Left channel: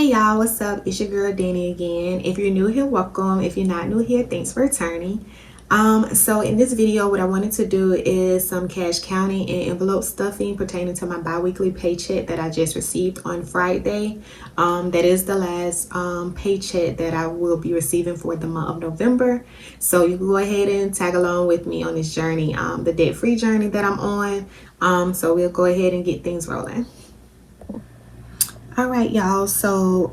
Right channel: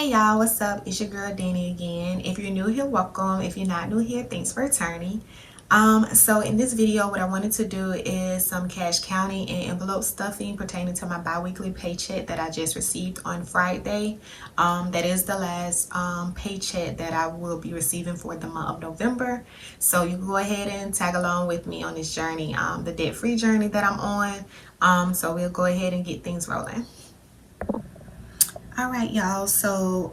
Hey y'all, what's up? It's your girl Danny again. If you're new here, welcome. If you're not new here, thanks for returning. So in this video, what I wanted to do is some cash counting and envelope stuffing pertaining to my bi-weekly paycheck that I just received on Friday. That is the last paycheck that I will be receiving for the month of November. So you can go ahead and tag along with me on this journey, the debt-free journey that I'm on. So we'll go ahead and get things rolling. All right, y'all, so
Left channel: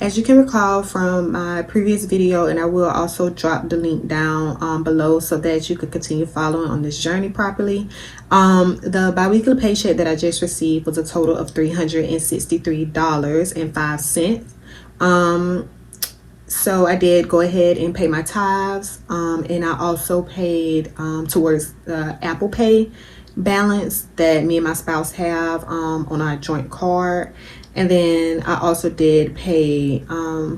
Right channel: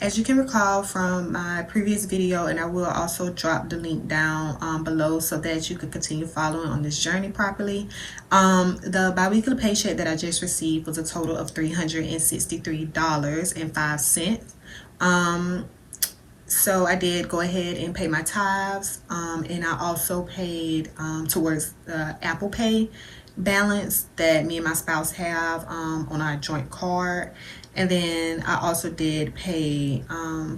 as you can recall from my previous video, and I will also drop the link down below so that you could continue following on this journey properly. The bi-weekly paycheck that I just received was a total of $363.05. So I did go ahead and pay my tithes, and I also paid towards the Apple Pay balance that me and my spouse have on our joint card. And then I also did pay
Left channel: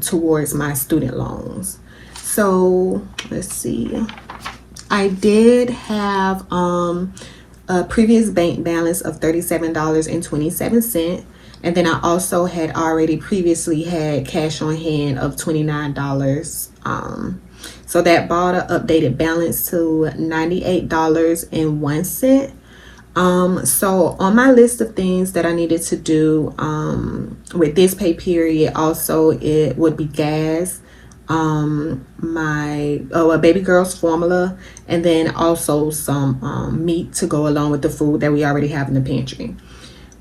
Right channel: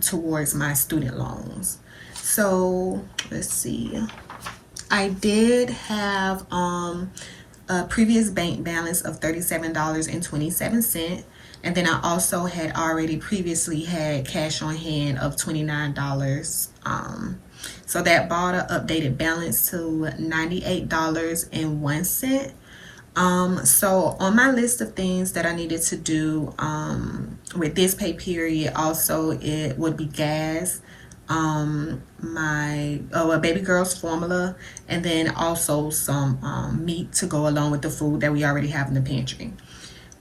towards my student loans. So let's see, I did have a previous bank balance of $37.27, and then I also had already previously had cash on hand of $29. So that brought an updated balance to $98.01. So on my list of things that I needed to do with this pay period, also it would be gas, my a baby girl's formula, and then also some meat to go along with the food that we already have in the pantry.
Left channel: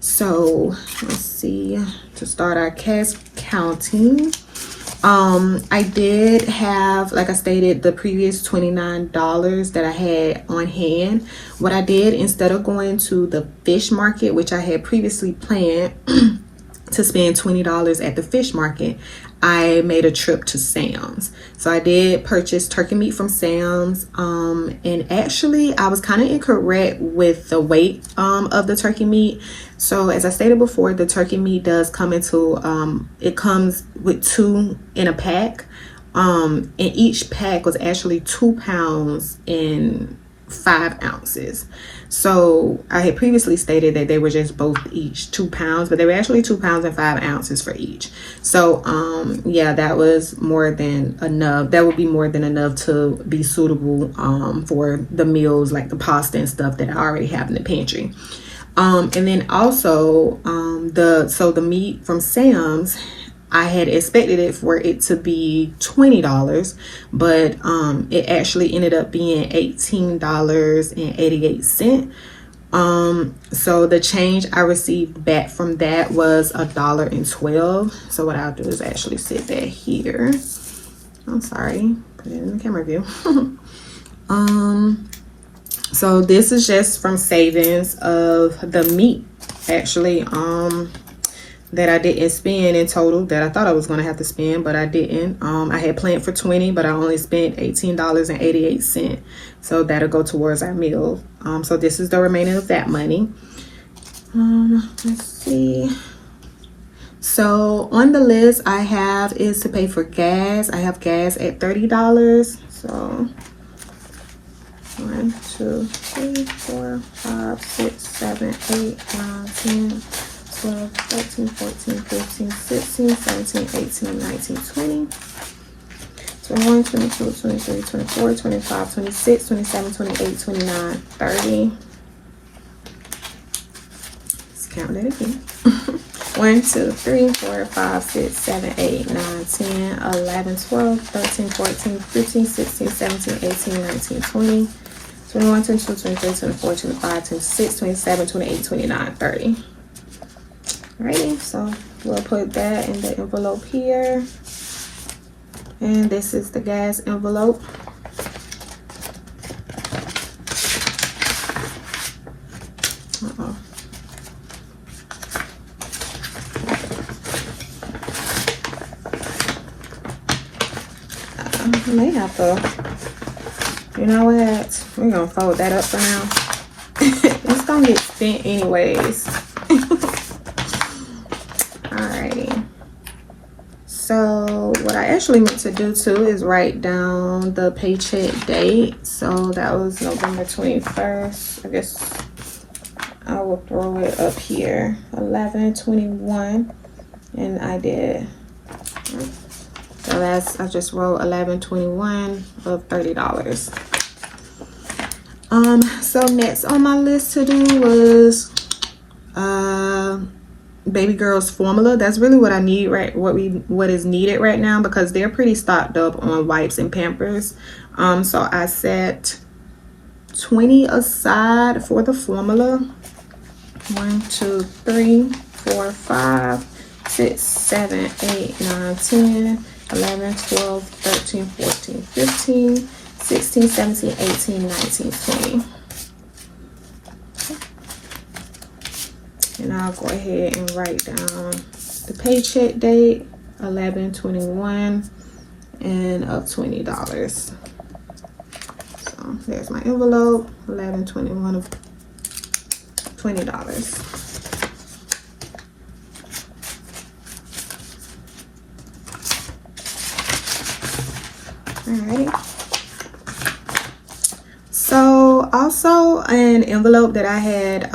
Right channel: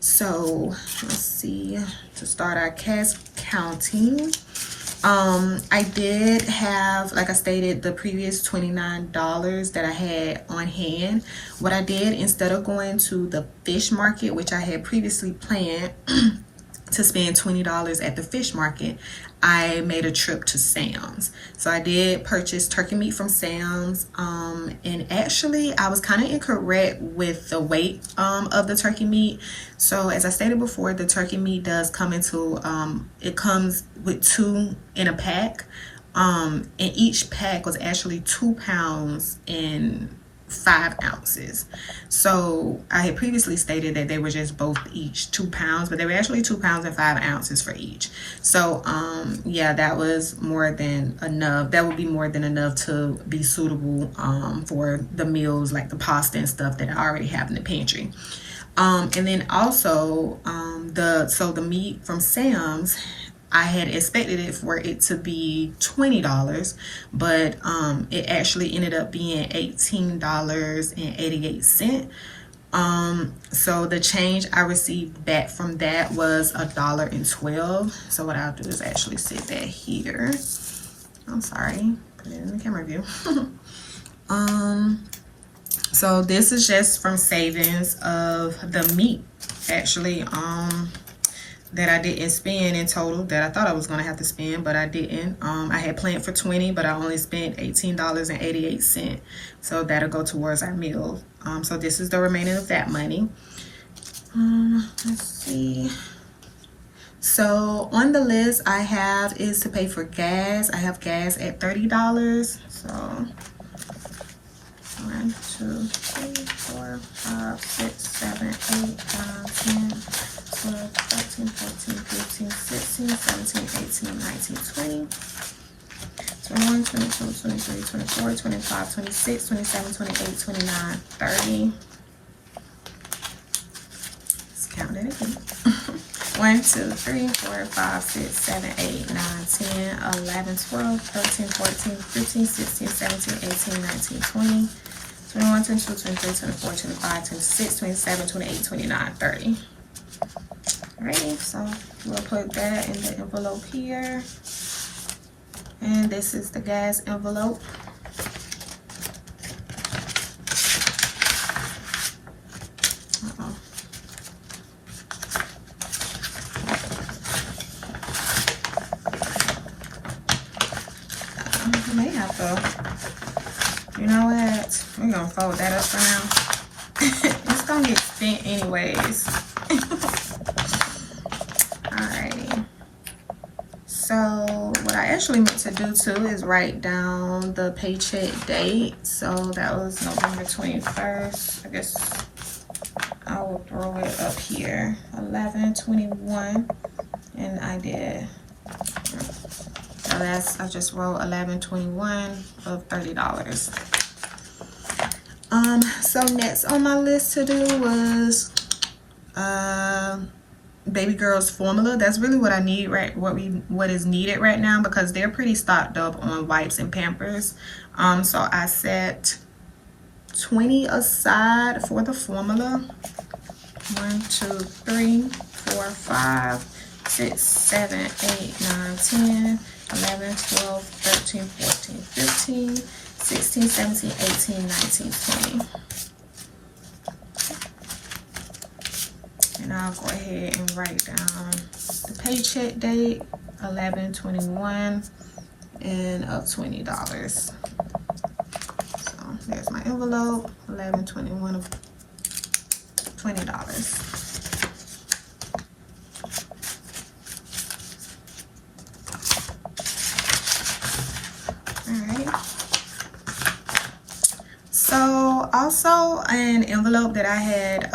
So let's see, to start our cash counting, I did have, like I stated, the previous $29 that I had on hand. What I did, instead of going to the fish market, which I had previously planned to spend $20 at the fish market, I made a trip to Sam's. So I did purchase turkey meat from Sam's, and actually I was kind of incorrect with the weight of the turkey meat. So as I stated before, the turkey meat does come into it comes with 2 in a pack, and each pack was actually 2 pounds and 5 ounces. So I had previously stated that they were just both each 2 pounds, but they were actually 2 pounds and 5 ounces for each. So yeah, that was more than enough. That would be more than enough to be suitable for the meals, like the pasta and stuff that I already have in the pantry. And then also the meat from Sam's, I had expected it for it to be $20, but it actually ended up being $18.88. So the change I received back from that was $1.12. So what I'll do is actually sit that here. I'm sorry, put it in the camera view. So this is just from savings of the meat, actually, that I didn't spend in total, that I thought I was going to have to spend, but I didn't. I had planned for $20, but I only spent $18.88. So that'll go towards our meal. So this is the remaining of that money. Let's see. So on the list I have is to pay for gas. I have gas at $30. So 1, 2, 3, 4, 5, 6, 7, 8, 9, 10, 12, 13, 14, 15, 16, 17, 18, 19, 20, 21, 22, 23, 24, 25, 26, 27, 28, 29, 30. Let's count it again. 1, 2, 3, 4, 5, 6, 7, 8, 9, 10, 11, 12, 13, 14, 15, 16, 17, 18, 19, 20, 21, 22, 23, 24, 25, 26, 27, 28, 29, 30. Alrighty, so we'll put that in the envelope here. And this is the gas envelope. I may have to, you know what? We're gonna fold that up for now. It's gonna get spent anyways. Alrighty. So what I actually meant to do too is write down the paycheck date. So that was November 21st. I guess I will throw it up here. 11/21, and I did So that's, I just wrote 11.21 of $30. So next on my list to do was baby girl's formula. That's really what I need, right? What is needed right now, because they're pretty stocked up on wipes and Pampers. So I set 20 aside for the formula. 1, 2, 3, 4, 5, 6, 7, 8, 9, 10, 11, 12, 13, 14, 15, 16, 17, 18, 19, 20. And I'll go ahead and write down the paycheck date, 11/21, and of $20. So there's my envelope, 11/21 of $20. Alrighty. So also an envelope that I had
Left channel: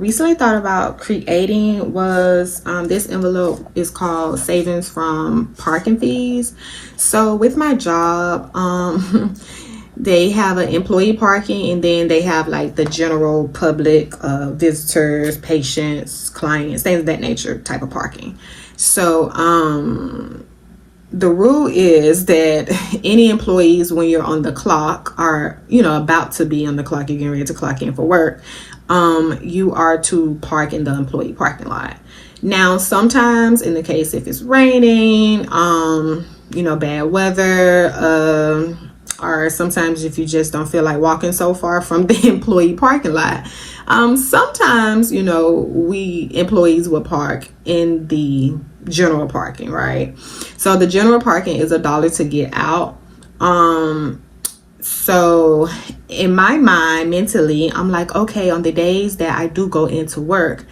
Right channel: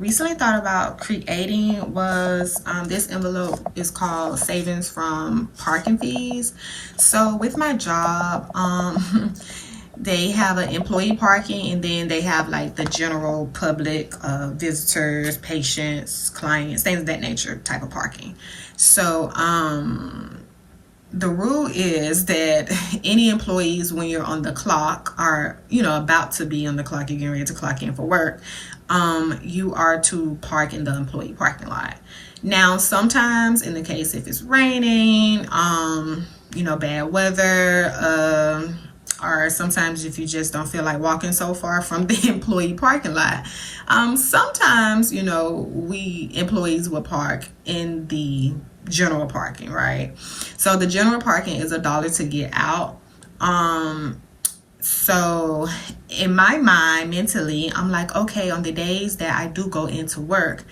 recently thought about creating was this envelope is called Savings from Parking Fees. So with my job, they have an employee parking, and then they have like the general public, visitors, patients, clients, things of that nature type of parking. So the rule is that any employees, when you're on the clock, are, you know, about to be on the clock, you're getting ready to clock in for work, you are to park in the employee parking lot. Now, sometimes in the case if it's raining, you know, bad weather, or sometimes if you just don't feel like walking so far from the employee parking lot, sometimes, you know, we employees will park in the general parking, right? So the general parking is $1 to get out. So in my mind, mentally, I'm like, okay, on the days that I do go into work,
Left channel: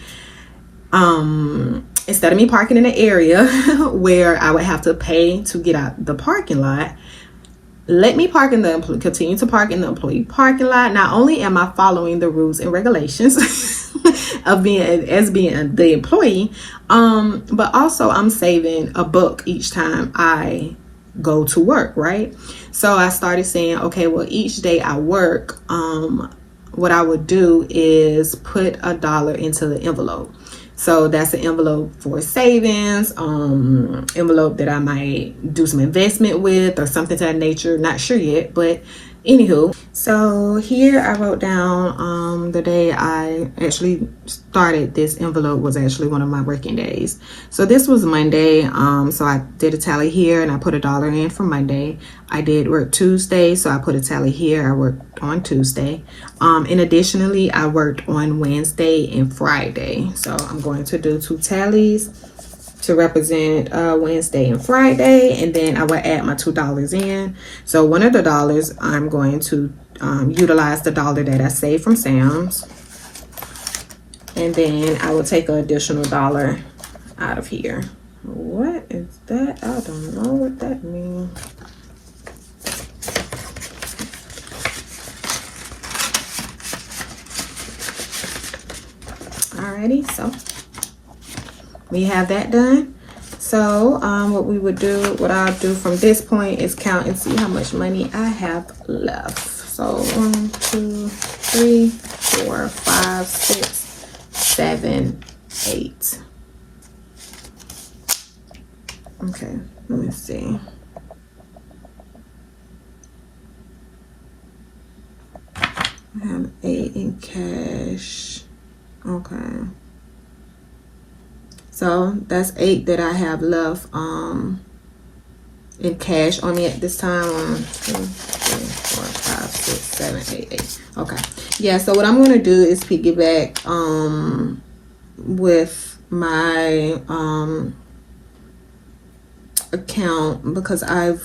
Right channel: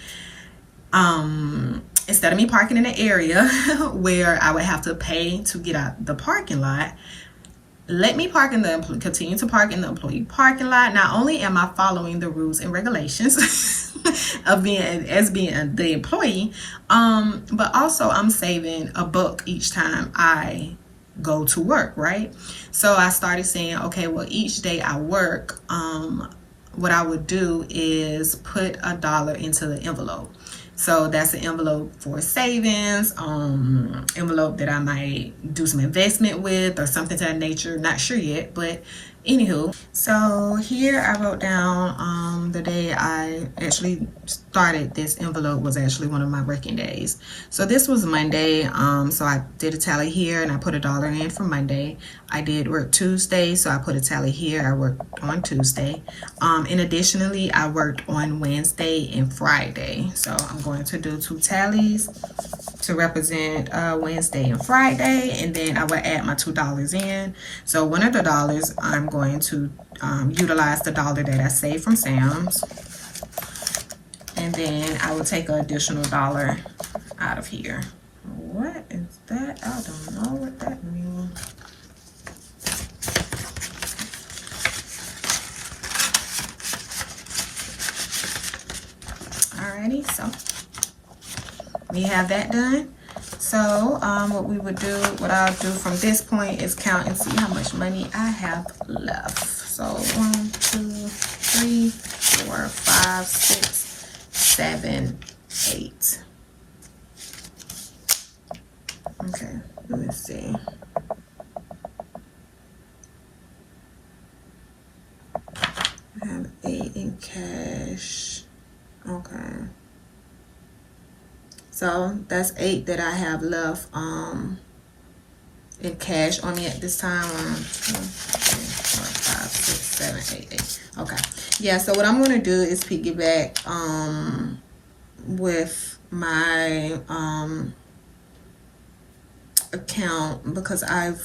instead of me parking in an area where I would have to pay to get out the parking lot, let me park in the continue to park in the employee parking lot. Not only am I following the rules and regulations of being the employee, but also I'm saving $1 each time I go to work, right? So I started saying, okay, well, each day I work, what I would do is put $1 into the envelope. So that's an envelope for savings, envelope that I might do some investment with or something to that nature. Not sure yet, but anywho. So here I wrote down the day I actually started this envelope was actually one of my working days. So this was Monday. So I did a tally here and I put $1 in for Monday. I did work Tuesday, so I put a tally here. I worked on Tuesday. And additionally, I worked on Wednesday and Friday. So I'm going to do 2 tallies to represent Wednesday and Friday, and then I will add my $2 in. So one of the dollars, I'm going to utilize the $1 that I saved from Sam's, and then I will take an additional $1 out of here. What is that? I don't know what that means. Alrighty, so we have that done. So what I'll do from this point is count and see how much money I have left. So 1, 2, 3, 4, 5, 6, 7, 8. Okay, let me see. I have 8 in cash. Okay. So that's 8 that I have left in cash on me at this time. 1, 2, 3, 4, 5, 6, 7, 8, 8. Okay. Yeah, so what I'm gonna do is piggyback with my account, because I'm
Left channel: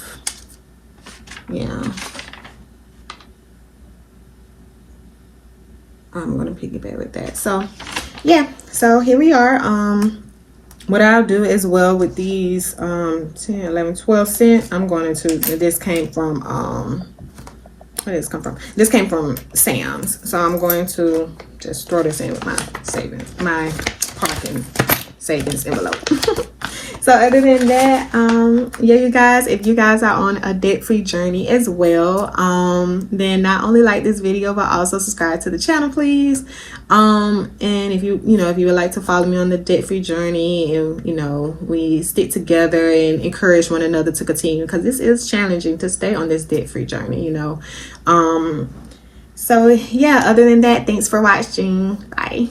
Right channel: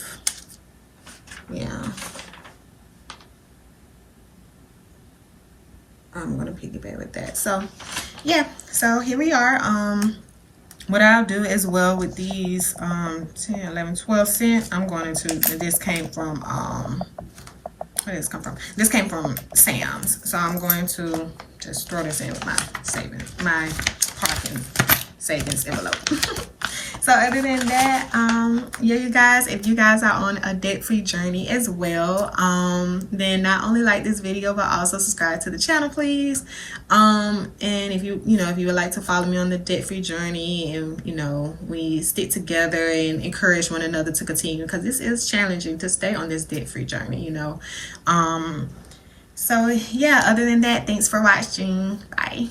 gonna piggyback with that. So yeah, so here we are. What I'll do as well with these 10, 11, 12 cents, I'm going to, this came from where did this come from? This came from Sam's. So I'm going to just throw this in with my savings, my parking savings envelope. So other than that, yeah, you guys, if you guys are on a debt-free journey as well, then not only like this video but also subscribe to the channel, please. And if you would like to follow me on the debt-free journey, and we stick together and encourage one another to continue, because this is challenging to stay on this debt-free journey. So yeah, other than that, thanks for watching. Bye.